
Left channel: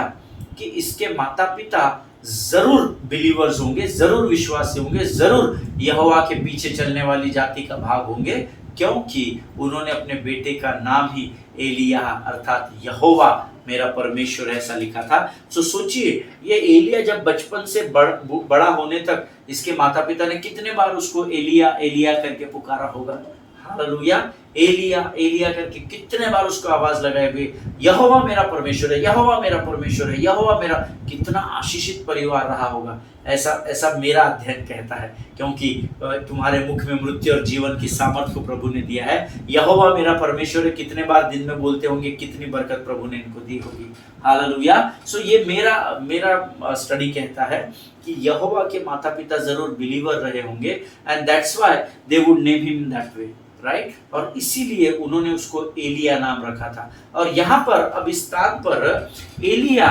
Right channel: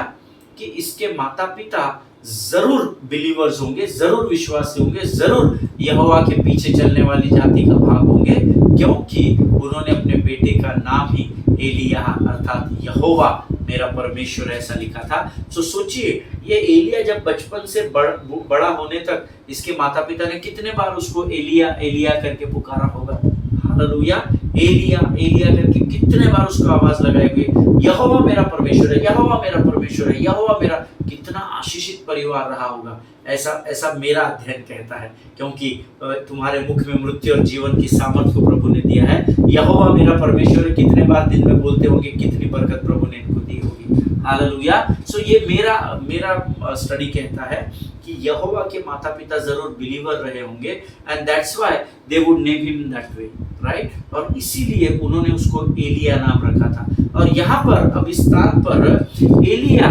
कि इसके माता पिता जरूर बिलीवर्स होंगे, जरूर विश्वासी होंगे, जरूर यहोवा के पीछे चलने वाली जाति का भाग होंगे, क्योंकि उन्होंने अपने बेटे का नाम ही एलिया अर्थात यहोवा मेरा परमेश्वर ऐसा लिखा था। तो सोचिए, ये एलिया जब बचपन से बड़ा होने तक इसके माता पिता ने कितने बार उसको एलिया एलिया करके पुकारा होगा। हालेलुया, एलिया एलिया करके कितने बार उसको आवाज लगाए हुए, यहोवा मेरा परमेश्वर है, यहोवा मेरा परमेश्वर है, यहोवा मेरा। कितना आशीषित परिवार रहा होगा, ऐसा ऐसा मेरा अध्ययन कहता है, क्योंकि तुम्हारे मुख में मृत्यु और जीवन की सामर्थ को प्रभु ने दिया है। यहोवा मेरा परमेश्वर है, कितने बार दिन में बोलते होंगे, कितनी बरकत प्रभु ने इनको दी होगी। हालेलुया। सो ये मेरा स्टडी कहता है कि यहोवा के माता पिता जरूर बिलीवर रहे होंगे, and that's why they would name him that way, right. और इसीलिए उन्होंने उसको एलिया नाम रखा था। और यहाँ पर अब इस स्थान पर एलिया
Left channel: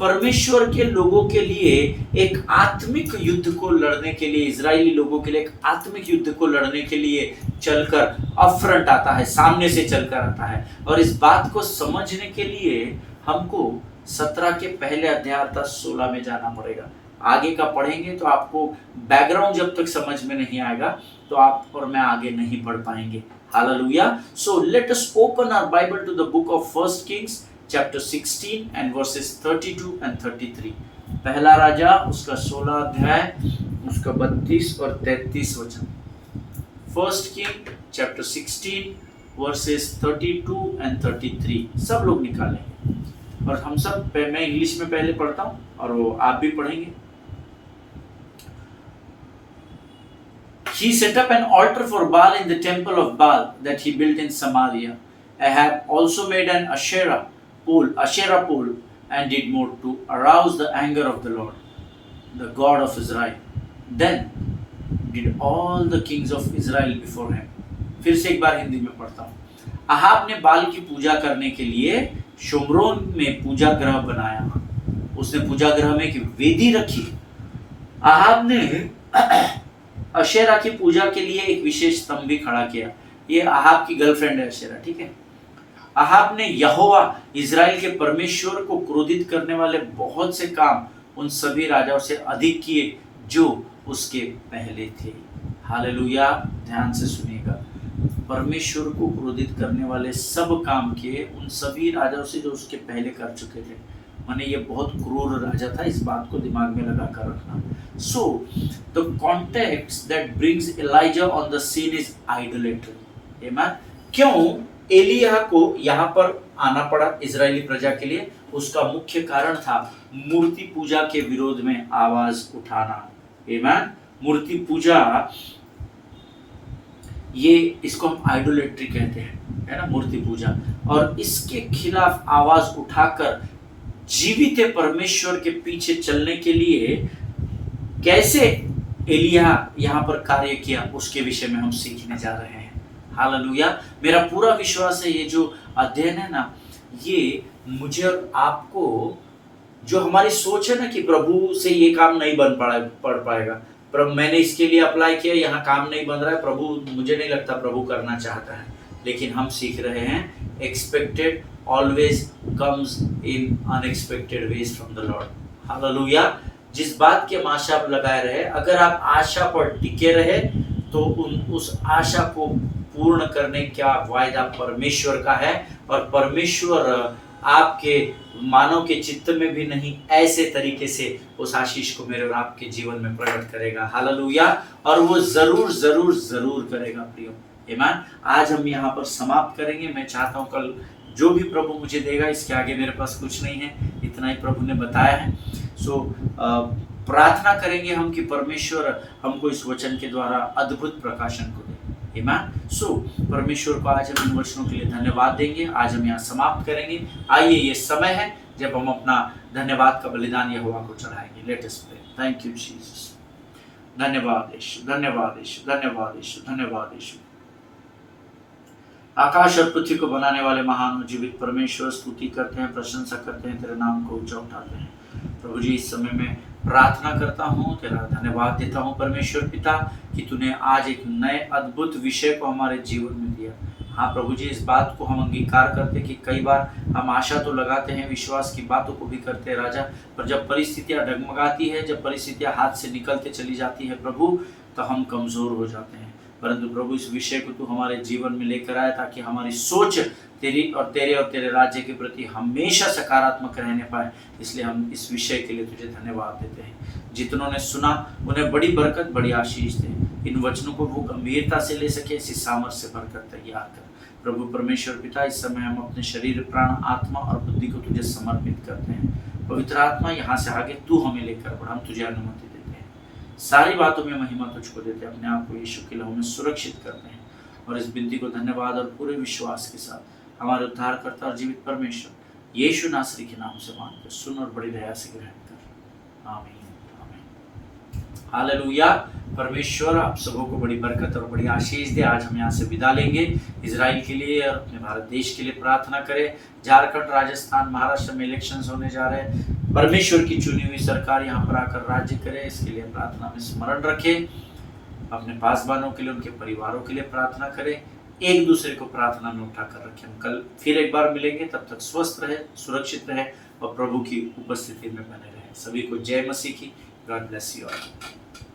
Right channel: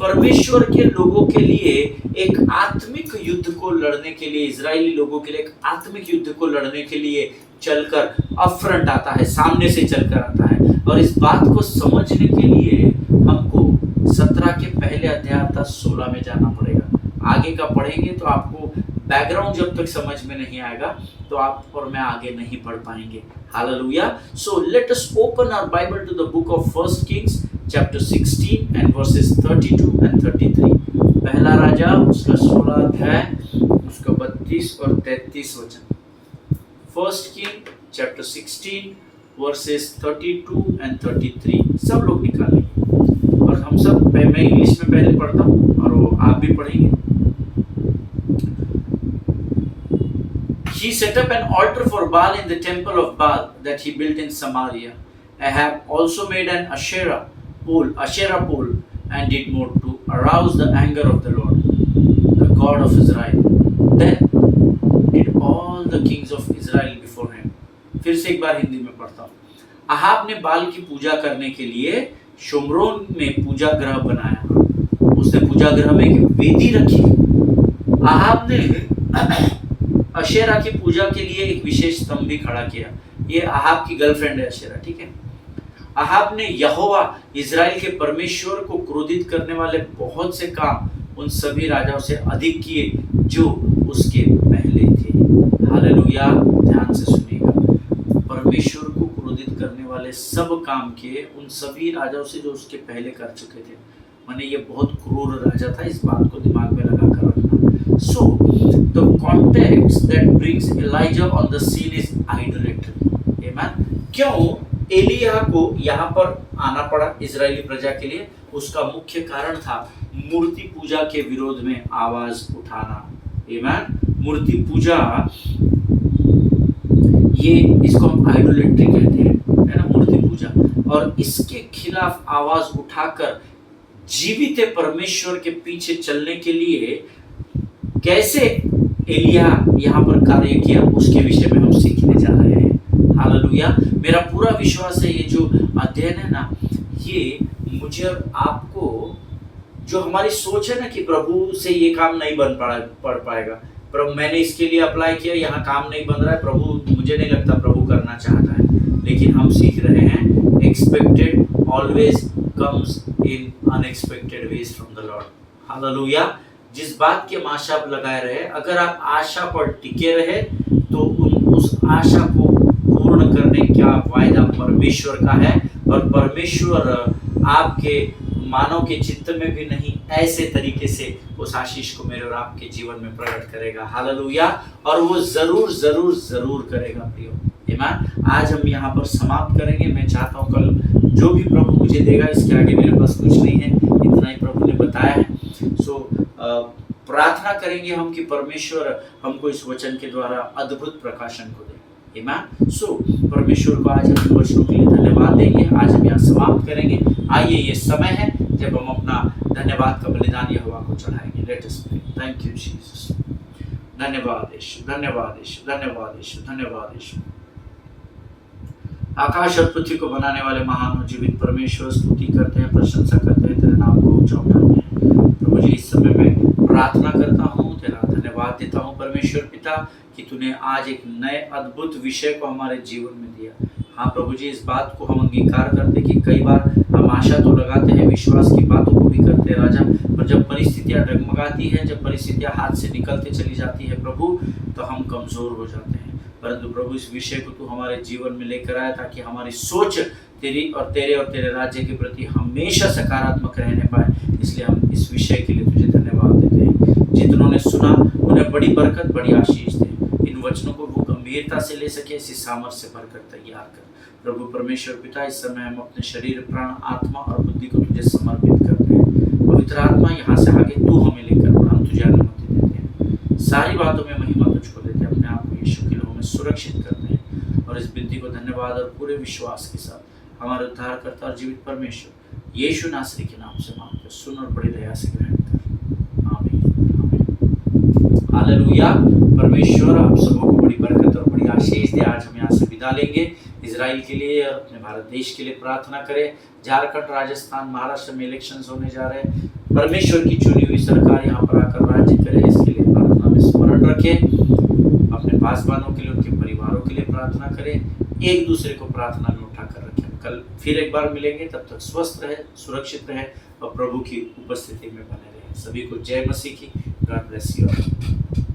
परमेश्वर के लोगों के लिए एक आत्मिक युद्ध को लड़ने के लिए, इजरायली लोगों के लिए एक आत्मिक युद्ध को लड़ने के लिए चलकर अपफ्रंट आता है, सामने से चलकर आता है। और इस बात को समझने के लिए हमको 17 के पहले अध्याय अर्थात 16 में जाना पड़ेगा। आगे का पढ़ेंगे तो आपको बैकग्राउंड जब तक समझ में नहीं आएगा तो आप और मैं आगे नहीं बढ़ पाएंगे। हालेलुया। So let us open our Bible to the book of first Kings chapter 16 and verses 32 and 33। पहला राजा उसका 16 अध्याय उसका 32 और 33 वचन। First king chapter 16 versus 32 and 33। सब लोग निकालेंगे और हम सब, मैं इंग्लिश में पहले पढ़ता हूँ और वो आप भी पढ़ेंगे। He set up an altar for Baal in the temple of Baal that he built in Samaria. Ahab also made an Asherah pole, and did more to arouse the anger of the Lord, the God of Israel. Then did all the kings of Israel before him. फिर से एक बार हिंदी में पढ़ता हूँ। Ahab ने बाल की पूजा करने के लिए शोमरोन में पूजा गृह बनाया। उसने पूजा गृह में एक वेदी रखी। अहाब ने अशेरा की पूजा के लिए एक विशेष स्तंभ भी खड़ा किया। ये अहाब की गर्लफ्रेंड है अशेरा, ठीक है। अहाब ने यहोवा इजराइल के परमेश्वर को क्रोधित करने वाले बहुत से काम उन सभी राजाओं से अधिक किए जो उसके पहले थे। हालेलुया। ध्यान से सुनिएगा, परमेश्वर को क्रोधित करने वाले सब काम किए उन सभी राजाओं से जो उसके पहले कर चुके थे। माने ये बहुत क्रूर राजा था, इस बात को दिमाग में लगा कर रखना। So the context that brings Elijah on the scene is idolatry. आमेन। क्यों एलिया को यहाँ पर आना पड़ा इजरायली प्रजा के लिए? उसका मुख्य कारण था मूर्ति पूजा के विरोध में आवाज उठाना। आमेन। मूर्ति पूजा, ये इसको हम आइडोलेट्री कहते हैं, है ना, मूर्ति पूजा। और इसके खिलाफ आवाज उठाकर जीवित परमेश्वर के पीछे चलने के लिए कैसे एलिया यहाँ पर कार्य किया, उसके विषय में हम सीखने जा रहे हैं। हालेलुया। मेरा पूरा विश्वास है ये जो अध्ययन है ना, ये मुझे और आपको, जो हमारी सोच है ना कि प्रभु से ये काम नहीं पड़ पाएगा, प्रभु मैंने इसके लिए अप्लाई किया, यहाँ काम नहीं बन रहा है, प्रभु मुझे नहीं लगता प्रभु करना चाहता है। लेकिन हम सीख रहे हैं expected always comes in unexpected veg from the Lord. Hallelujah. जिस बात की हम आशा लगाए रहे, अगर आप आशा पर टिके रहे तो उस आशा को पूर्ण करने का वायदा परमेश्वर का है। और परमेश्वर आपके मानव के चित्त में भी नहीं, ऐसे तरीके से उस आशीष को मेरे और आपके जीवन में प्रकट करेगा। हालेलुया। और वो जरूर जरूर जरूर करेगा प्रियो। आमीन। आज हम यहाँ पर समाप्त करेंगे। मैं चाहता हूँ कल जो भी प्रभु मुझे देगा, इसके आगे मेरे पास कुछ नहीं है, इतना ही प्रभु ने बताया है। सो प्रार्थना करेंगे हम कि परमेश्वर हमको इस वचन के द्वारा अद्भुत प्रकाशन को दे। आमीन। सो परमेश्वर को आज हम इन वचनों के लिए धन्यवाद देंगे। आज हम यहाँ समाप्त करेंगे। आइए, ये समय है जब हम अपना धन्यवाद का बलिदान यहोवा को चढ़ाएंगे। Let us pray. Thank you Jesus. धन्यवाद यीशु, धन्यवाद यीशु, धन्यवाद यीशु, धन्यवाद यीशु। आकाश और पृथ्वी को बनाने वाले महान और जीवित परमेश्वर, स्तुति करते हैं, प्रशंसा करते हैं, तेरे नाम को ऊंचा उठाते हैं। प्रभु जी, इस समय में प्रार्थना करता हूँ, तेरा धन्यवाद देता हूँ परमेश्वर पिता कि तूने आज एक नए अद्भुत विषय को हमारे जीवन में दिया। हाँ प्रभु जी, इस बात को हम अंगीकार करते कि कई बार हम आशा तो लगाते हैं, विश्वास की बातों को भी करते हैं राजा, पर जब परिस्थितियाँ डगमगाती है, जब परिस्थितियाँ हाथ से निकलते चली जाती है प्रभु, तो हम कमज़ोर हो जाते हैं। परंतु प्रभु, इस विषय को तू हमारे जीवन में लेकर आया ताकि हमारी सोच तेरी और तेरे राज्य के प्रति हमेशा सकारात्मक रहने पाए। इसलिए हम इस विषय के लिए तुझे धन्यवाद देते हैं। जितनों ने सुना उन्हें बड़ी बरकत, बड़ी आशीष दे। इन वचनों को वो गंभीरता से ले सके, ऐसी सामर्थ्य से भरकर तैयार कर। प्रभु परमेश्वर पिता, इस समय हम अपने शरीर, प्राण, आत्मा और बुद्धि को तुझे समर्पित करते हैं। पवित्र आत्मा, यहाँ से आगे तू हमें लेकर बढ़, हम तुझे अनुमति देते हैं। सारी बातों में महिमा तुझको देते हैं, अपने आप को यीशु के लहू में सुरक्षित करते हैं और इस विनती को धन्यवाद और पूरे विश्वास के साथ हमारे उद्धारकर्ता और जीवित परमेश्वर यीशु नासरी के नाम से मांगते, सुन और बड़ी दया से ग्रहण कर। आमीन, आमीन, हालेलुया। परमेश्वर आप सबों को बड़ी बरकत और बड़ी आशीष दे। आज हम यहाँ से विदा लेंगे। इजराइल के लिए और अपने भारत देश के लिए प्रार्थना करें। झारखंड, राजस्थान, महाराष्ट्र में इलेक्शंस होने जा रहे हैं। परमेश्वर की चुनी हुई सरकार यहाँ पर आकर राज्य करे, इसके लिए प्रार्थना में स्मरण रखें। अपने पासवानों के लिए, उनके परिवारों के लिए प्रार्थना करें। एक दूसरे को प्रार्थना में उठाकर रखें। हम कल फिर एक बार मिलेंगे, तब तक स्वस्थ रहे, सुरक्षित रहे और प्रभु की उपस्थिति में बने रहे। सभी को जय मसीह की। God bless you all.